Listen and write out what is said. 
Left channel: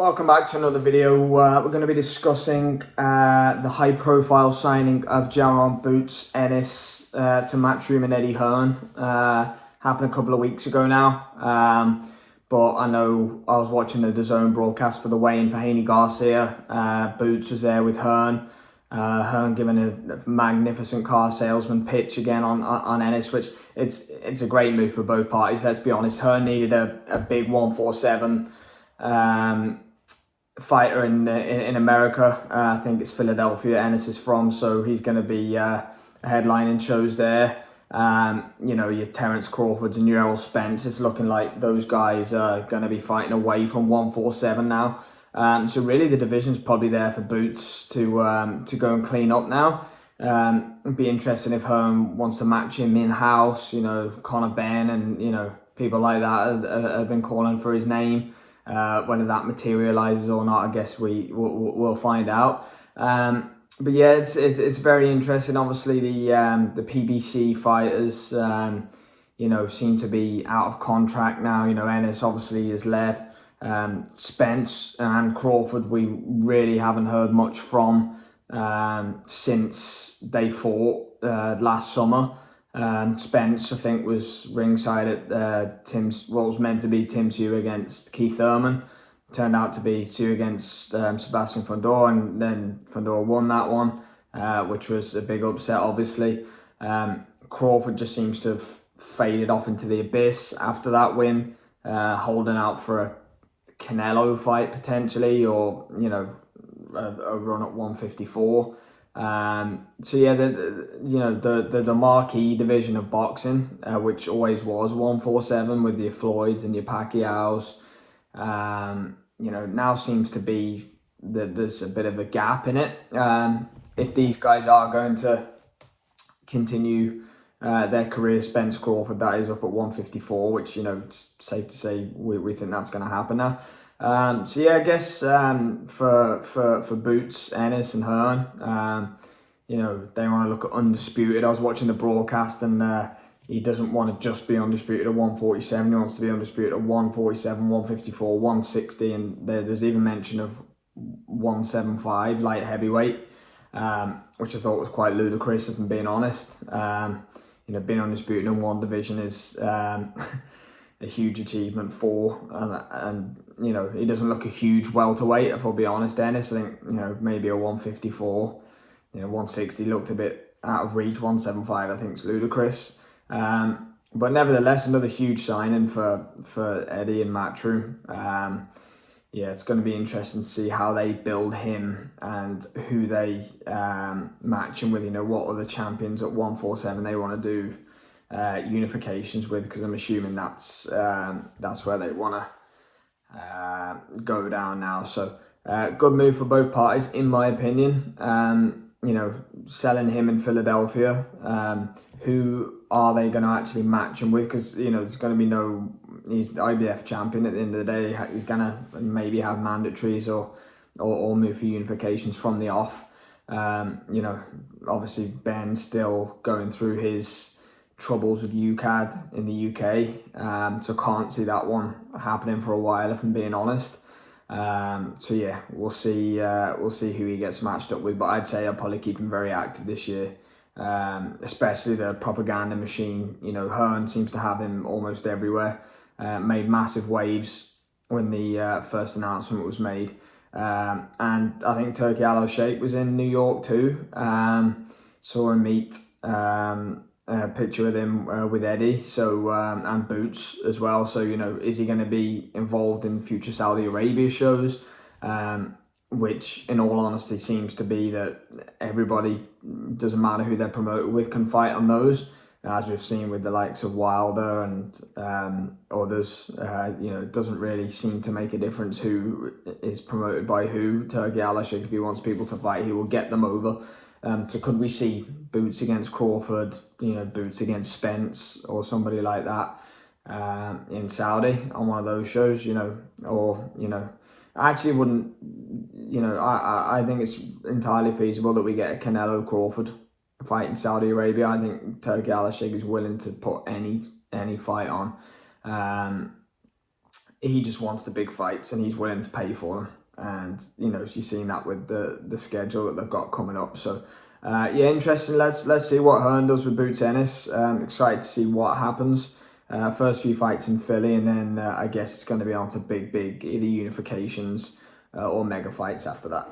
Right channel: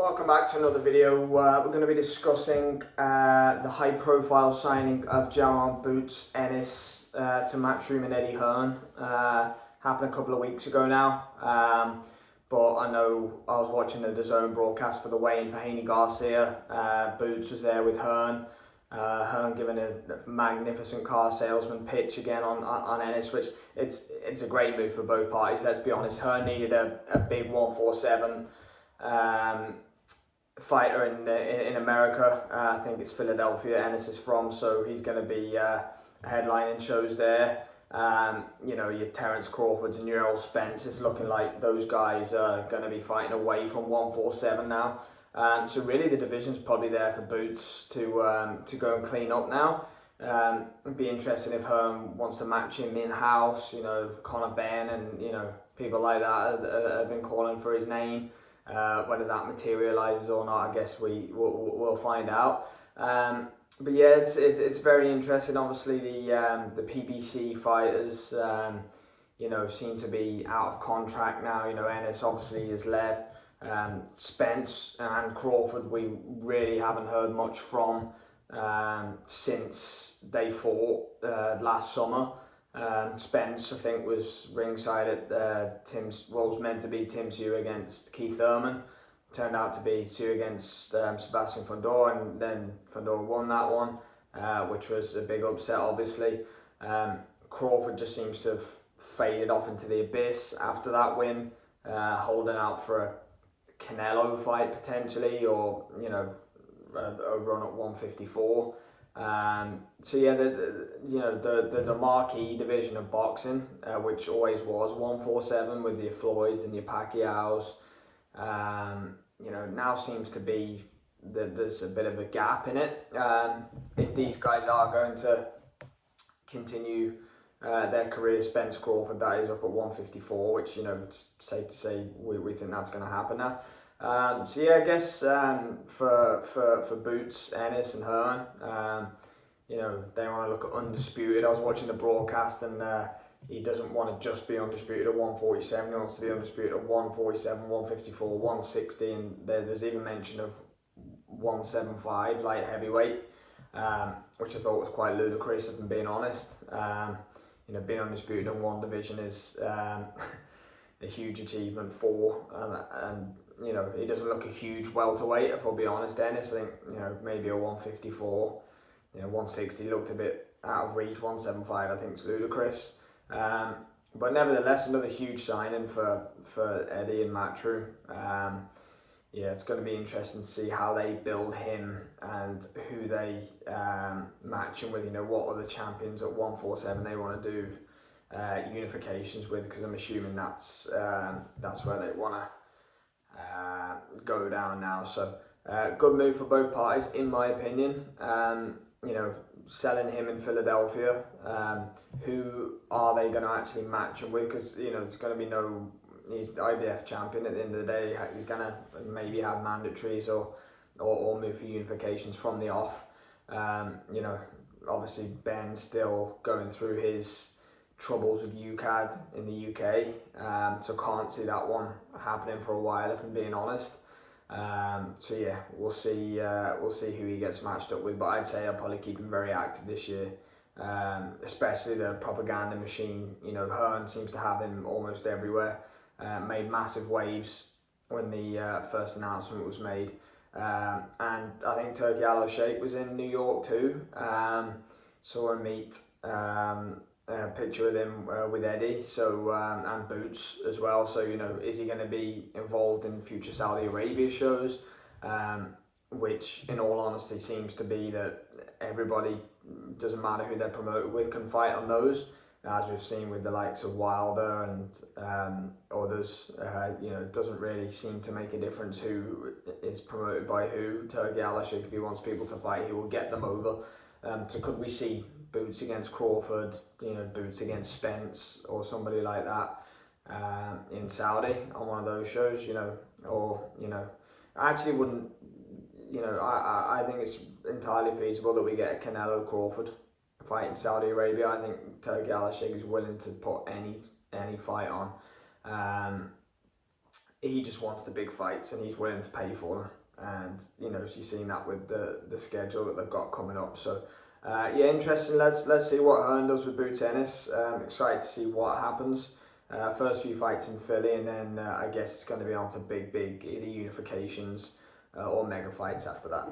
Welcome back to another video. We're going to be discussing the high-profile signing of Boots Ennis to Matchroom and Eddie Hearn. Happened a couple of weeks ago now, but I know I was watching the DAZN broadcast for the weigh-in for Haney Garcia. Boots was there with Hearn. Hearn giving a magnificent car salesman pitch again on Ennis, which it's a great move for both parties. Let's be honest, Hearn needed a big 147 fighter in America. I think it's Philadelphia Ennis is from, so he's going to be headlining shows there. You know, your Terence Crawfords and your Errol Spence, it's looking like those guys are going to be fighting away from 147 now. So really the division's probably there for Boots to go and clean up now. It'd be interesting if Hearn wants to match him in-house. You know, Conor Benn and, you know, people like that have been calling for his name. Whether that materializes or not, I guess we'll find out. But yeah, it's very interesting. Obviously, the PBC fighters, you know, seem to be out of contract now. You know, Ennis obviously has left. Spence and Crawford, we really haven't heard much from since they fought last summer. Spence, I think, was ringside at what was meant to be Tim Sue against Keith Thurman. Turned out to be Sue against Sebastian Fundora, and then Fundora won that one, which was a big upset, obviously. Crawford just seems to have faded off into the abyss after that win, holding out for a Canelo fight potentially, or, you know, a run at 154. So yeah, the marquee division of boxing, which always was 147 with your Floyds and your Pacquiaos, you know, now seems to be that there's a bit of a gap in it. If these guys are going to continue their career, Spence Crawford, that is up at 154, which, you know, it's safe to say we think that's going to happen now. So yeah, I guess for Boots, Ennis and Hearn, you know, they want to look at undisputed. I was watching the broadcast, and he doesn't want to just be undisputed at 147. He wants to be undisputed at 147, 154, 160, and there's even mention of 175 light heavyweight, which I thought was quite ludicrous, if I'm being honest. You know, being undisputed in one division is a huge achievement for, and you know, he doesn't look a huge welterweight, if I'll be honest. Ennis, I think, you know, maybe a 154, you know, 160 looked a bit out of reach. 175, I think, is ludicrous. But nevertheless, another huge signing for Eddie and Matchroom. Yeah, it's going to be interesting to see how they build him and who they match him with. You know, what other champions at 147 they want to do unifications with, because I'm assuming that's where they want to go down now. So good move for both parties, in my opinion. You know, selling him in Philadelphia, who are they going to actually match him with? Because, you know, there's going to be no, he's the IBF champion at the end of the day. He's going to maybe have mandatories or move for unifications from the off. You know, obviously Ben's still going through his troubles with UCAD in the UK, so can't see that one happening for a while, if I'm being honest. So yeah, we'll see who he gets matched up with, but I'd say I'll probably keep him very active this year, especially the propaganda machine. You know, Hearn seems to have him almost everywhere. Made massive waves when the first announcement was made, and I think Turkey Al-Sheikh was in New York too. Saw him meet a picture of him with Eddie, so and Boots as well. So, you know, is he going to be involved in future Saudi Arabia shows? Which, in all honesty, seems to be that everybody, doesn't matter who they're promoted with, can fight on those, as we've seen with the likes of Wilder and others. You know, it doesn't really seem to make a difference who is promoted by who. Turkey Al-Sheikh, if he wants people to fight, he will get them over. So could we see Boots against Crawford, you know, Boots against Spence or somebody like that in Saudi on one of those shows, you know? Or, you know, I actually wouldn't, you know, I think it's entirely feasible that we get a Canelo Crawford fight in Saudi Arabia. I think Turkey Al-Sheikh is willing to put any fight on. he just wants the big fights and he's willing to pay for them. And, you know, you've seen that with the schedule that they've got coming up. So, yeah, interesting. Let's see what Hearn does with Boots Ennis. Excited to see what happens. First few fights in Philly, and then I guess it's going to be on to big either unifications or mega fights after that.